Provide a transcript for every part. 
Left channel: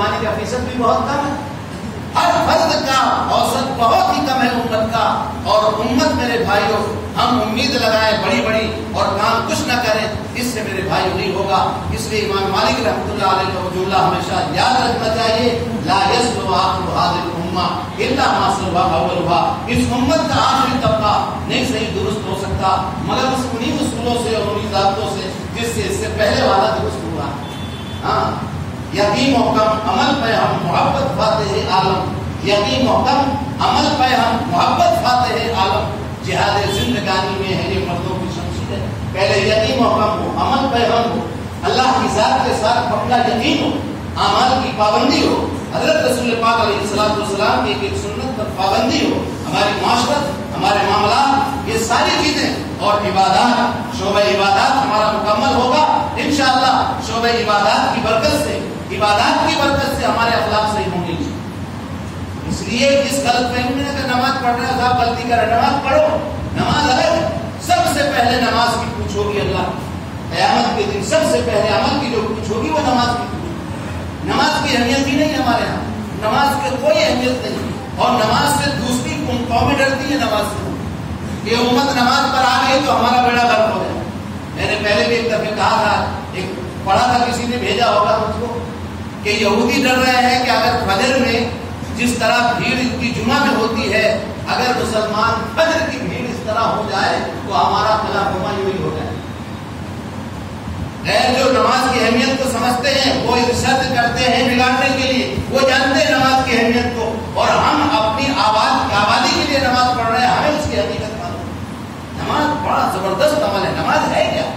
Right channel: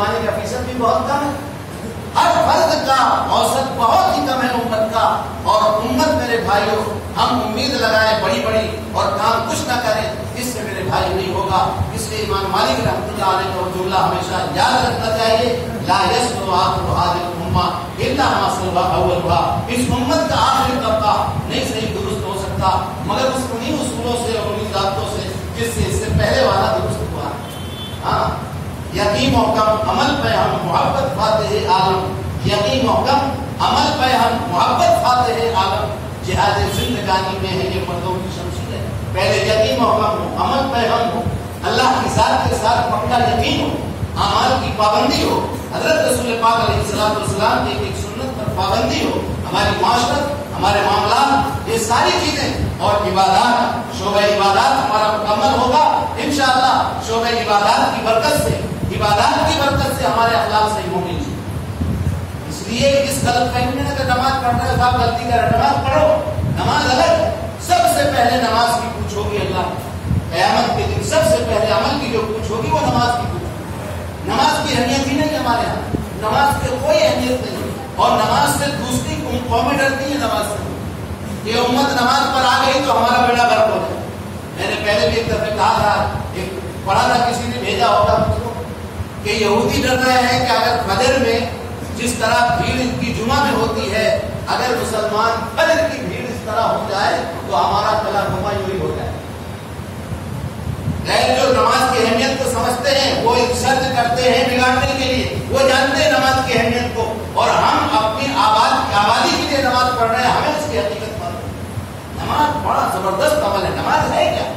فرمانے کا فیصد بھی بہت کم ہے. ہر فرد کا اوسط بہت ہی کم ہے امت کا. اور امت میرے بھائیوں ہم امید لگائیں بڑی بڑی اور کام کچھ نہ کریں، اس سے میرے بھائی نہیں ہوگا. اس لیے امام مالک رحمۃ اللہ علیہ توجہ اللہ ہمیشہ یاد رکھنا چاہیے، لا یسلو آخر هذه الامه الا ما سلو اولها. اس امت کا آخری طبقہ نہیں صحیح درست ہو سکتا مگر انہیں اصولوں سے اور انہیں ضابطوں سے جس سے اس سے پہلے والا درست ہوا. ہاں، یقین محکم عمل پہ ہم محبت فاتح عالم، یقین محکم عمل پہ ہم محبت فاتح عالم. جہاد زندگانی میں ہے یہ مردوں کی شمشیر ہے. پہلے یقین محکم ہو، عمل پہ ہم ہو، اللہ کی ذات کے ساتھ پکا یقین ہو، اعمال کی پابندی ہو، حضرت رسول پاک علیہ الصلوۃ والسلام کی ایک سنت پر پابندی ہو، ہماری معاشرت، ہمارے معاملات، یہ ساری چیزیں اور عبادات، شعبہ عبادات ہمارا مکمل ہوگا انشاءاللہ. شعبہ عبادات کی برکت سے، عبادات کی برکت سے ہمارے اخلاق صحیح ہوں گے. اس لیے اس غلط فہمی میں اگر نماز پڑھ رہے ہو آپ غلطی کر رہے، نماز پڑھو. نماز الگ، سب سے پہلے نماز کی پوچھ ہوگی اللہ قیامت کے دن. سب سے پہلے عمل کی جو پوچھ ہوگی وہ نماز کی پوچھ. نماز کی اہمیت ہی نہیں ہمارے یہاں، نماز کی کوئی اہمیت نہیں. اور نماز سے دوسری قومیں ڈرتی ہے نماز سے. یہ امت نماز پر آ گئی تو ہمارا بیڑا غرق ہو جائے. میں نے پہلے بھی ایک دفعہ کہا تھا، ایک پڑھا تھا کسی نے بھیجا ہوگا مجھ کو کہ یہودی ڈر رہے ہیں کہ اگر فجر میں جس طرح بھیڑ کی جمعہ میں ہوتی ہے، اگر مسلمان فجر کی بھیڑ اس طرح ہو جائے تو ہمارا فلاں جمعہ یوں ہی ہو جائے. غیر جو نماز کی اہمیت کو سمجھتے ہیں وہ ایک شرط کرتے ہیں بگاڑنے کے لیے. وہ جانتے ہیں نماز کی اہمیت کو، اور ہم اپنی آبادی کے لیے نماز پڑھ رہے ہیں، ہمیں اس کی حقیقت معلوم. نماز بڑا زبردست عمل ہے. نماز ہے کیا؟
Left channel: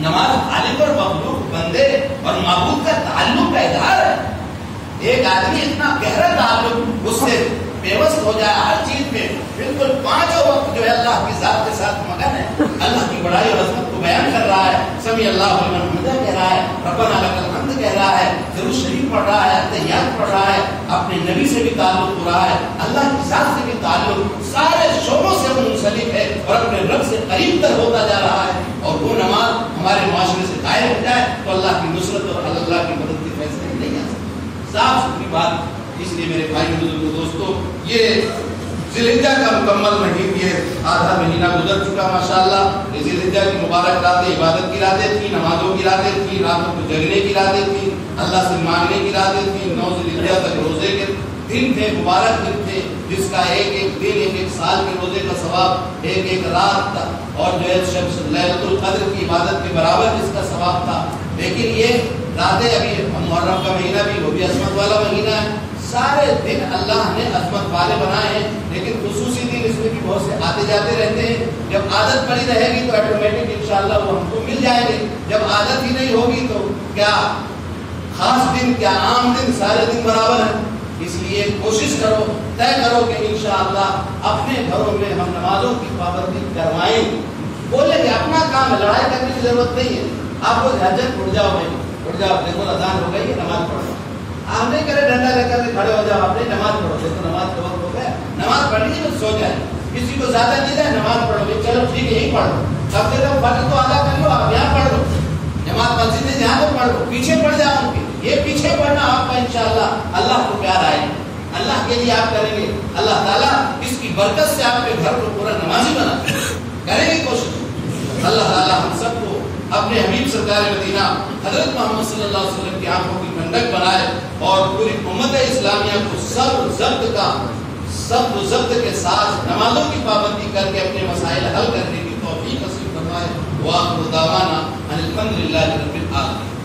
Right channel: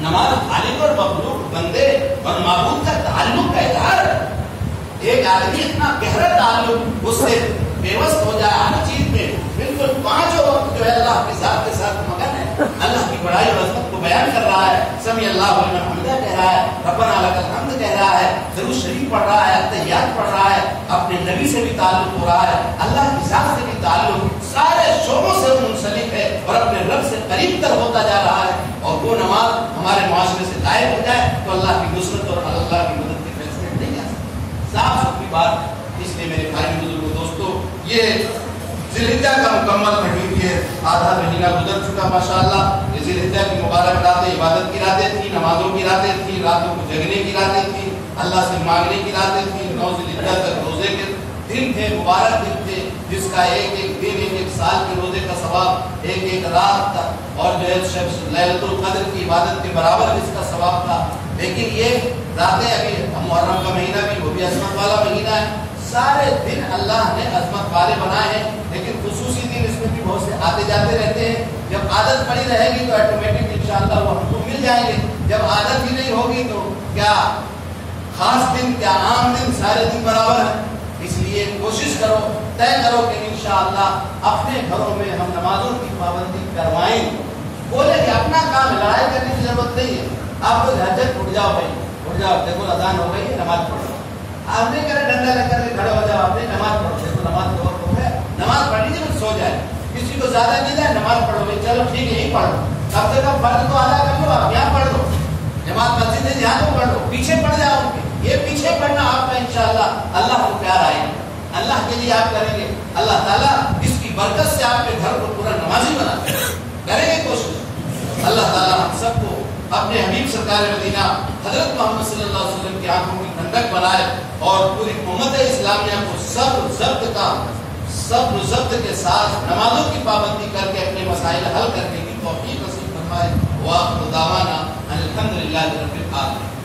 نماز خالق اور مخلوق، بندے اور معبود کا تعلق کا اظہار ہے. ایک آدمی اتنا گہرا تعلق اس سے پیوست ہو جائے ہر چیز پہ، بالکل پانچوں وقت جو ہے اللہ کی ذات کے ساتھ مگن ہے، اللہ کی بڑائی اور عظمت کو بیان کر رہا ہے، سمیع اللہ لمن حمدہ کہہ رہا ہے، ربنا لک الحمد کہہ رہا ہے، درود شریف پڑھ رہا ہے، تحیات پڑھ رہا ہے، اپنے نبی سے بھی تعلق ہو رہا ہے، اللہ کی ذات سے بھی تعلق، سارے شعبوں سے منسلک ہے اور اپنے رب سے قریب تر ہوتا جا رہا ہے. اور وہ نماز ہمارے معاشرے سے دائر ہو جائے تو اللہ کی نصرت اور اللہ کی مدد کے فیصلے نہیں آ سکتے. صاف ستھری بات. اس لیے میرے بھائی بزرگوں دوستو، یہ ذی الحجہ کا مکمل مہینہ، یہ آدھا مہینہ گزر چکا ماشاءاللہ. یہ ذی الحجہ کی مبارک راتیں عبادت کی راتیں تھیں، نمازوں کی راتیں تھیں، راتوں کو جگنے کی راتیں تھیں، اللہ سے مانگنے کی راتیں تھیں. 9 ذی الحجہ تک روزے کے دن تھے، مبارک دن تھے، جس کا ایک ایک دن ایک ایک سال کے روزے کا ثواب، ایک ایک رات تھا، اور جو ہے لیلۃ القدر کی عبادت کے برابر جس کا ثواب تھا. لیکن یہ راتیں ابھی محرم کا مہینہ بھی، وہ بھی عظمت والا مہینہ ہے. سارے دن اللہ نے عظمت والے بنائے ہیں، لیکن خصوصی دن اس میں بھی بہت سے آتے جاتے رہتے ہیں. جب عادت پڑی رہے گی تو آٹومیٹک انشاءاللہ وہ ہم کو مل جائیں گے. جب عادت ہی نہیں ہوگی تو کیا خاص دن کیا عام دن، سارے دن برابر ہیں. اس لیے کوشش کرو، طے کرو کہ انشاءاللہ اپنے گھروں میں ہم نمازوں کی پابندی کروائیں. بولے کہ اپنا کام ہے، لڑائی کرنے کی ضرورت نہیں ہے. آپ لوگ حاجت اٹھ جاؤ بھائی، اٹھ جاؤ، دیکھو اذان ہو گئی ہے، نماز پڑھو. آپ نہیں کرے ڈنڈا لے کر کے کھڑے ہو جاؤ، آپ نہیں نماز پڑھو، دیکھو نماز کا وقت ہو گیا، نماز پڑھ لیجیے سو جائے. کسی کو زیادہ نہیں ہے نماز پڑھو، چلو ٹھیک ہے یہی پڑھ لو، کم سے کم فرض تو ادا کر لو، آپ یہاں پڑھ لو. جماعت مسجد ہے جہاں تو پڑھ لو، پیچھے پڑھ جاؤ ان کے. یہ پیچھے پڑھنا آپ کا انشاءاللہ اللہ کو پیار آئے گا، اللہ کے لیے آپ کریں گے. اللہ تعالیٰ اس کی برکت سے آپ کے گھر کو پورا نمازی بنا کریں گے کوشش. اللہ تعالیٰ ہم سب کو اپنے حبیب سرکار مدینہ حضرت محمد صلی اللہ علیہ وسلم کی آنکھوں کی ٹھنڈک بنائے، اور پوری امت اسلامیہ کو صبر و ضبط کے ساتھ نمازوں کی پابندی کر کے اپنے مسائل حل کرنے کی توفیق نصیب فرمائے. وآخر دعوانا ان الحمد للہ رب العالمین.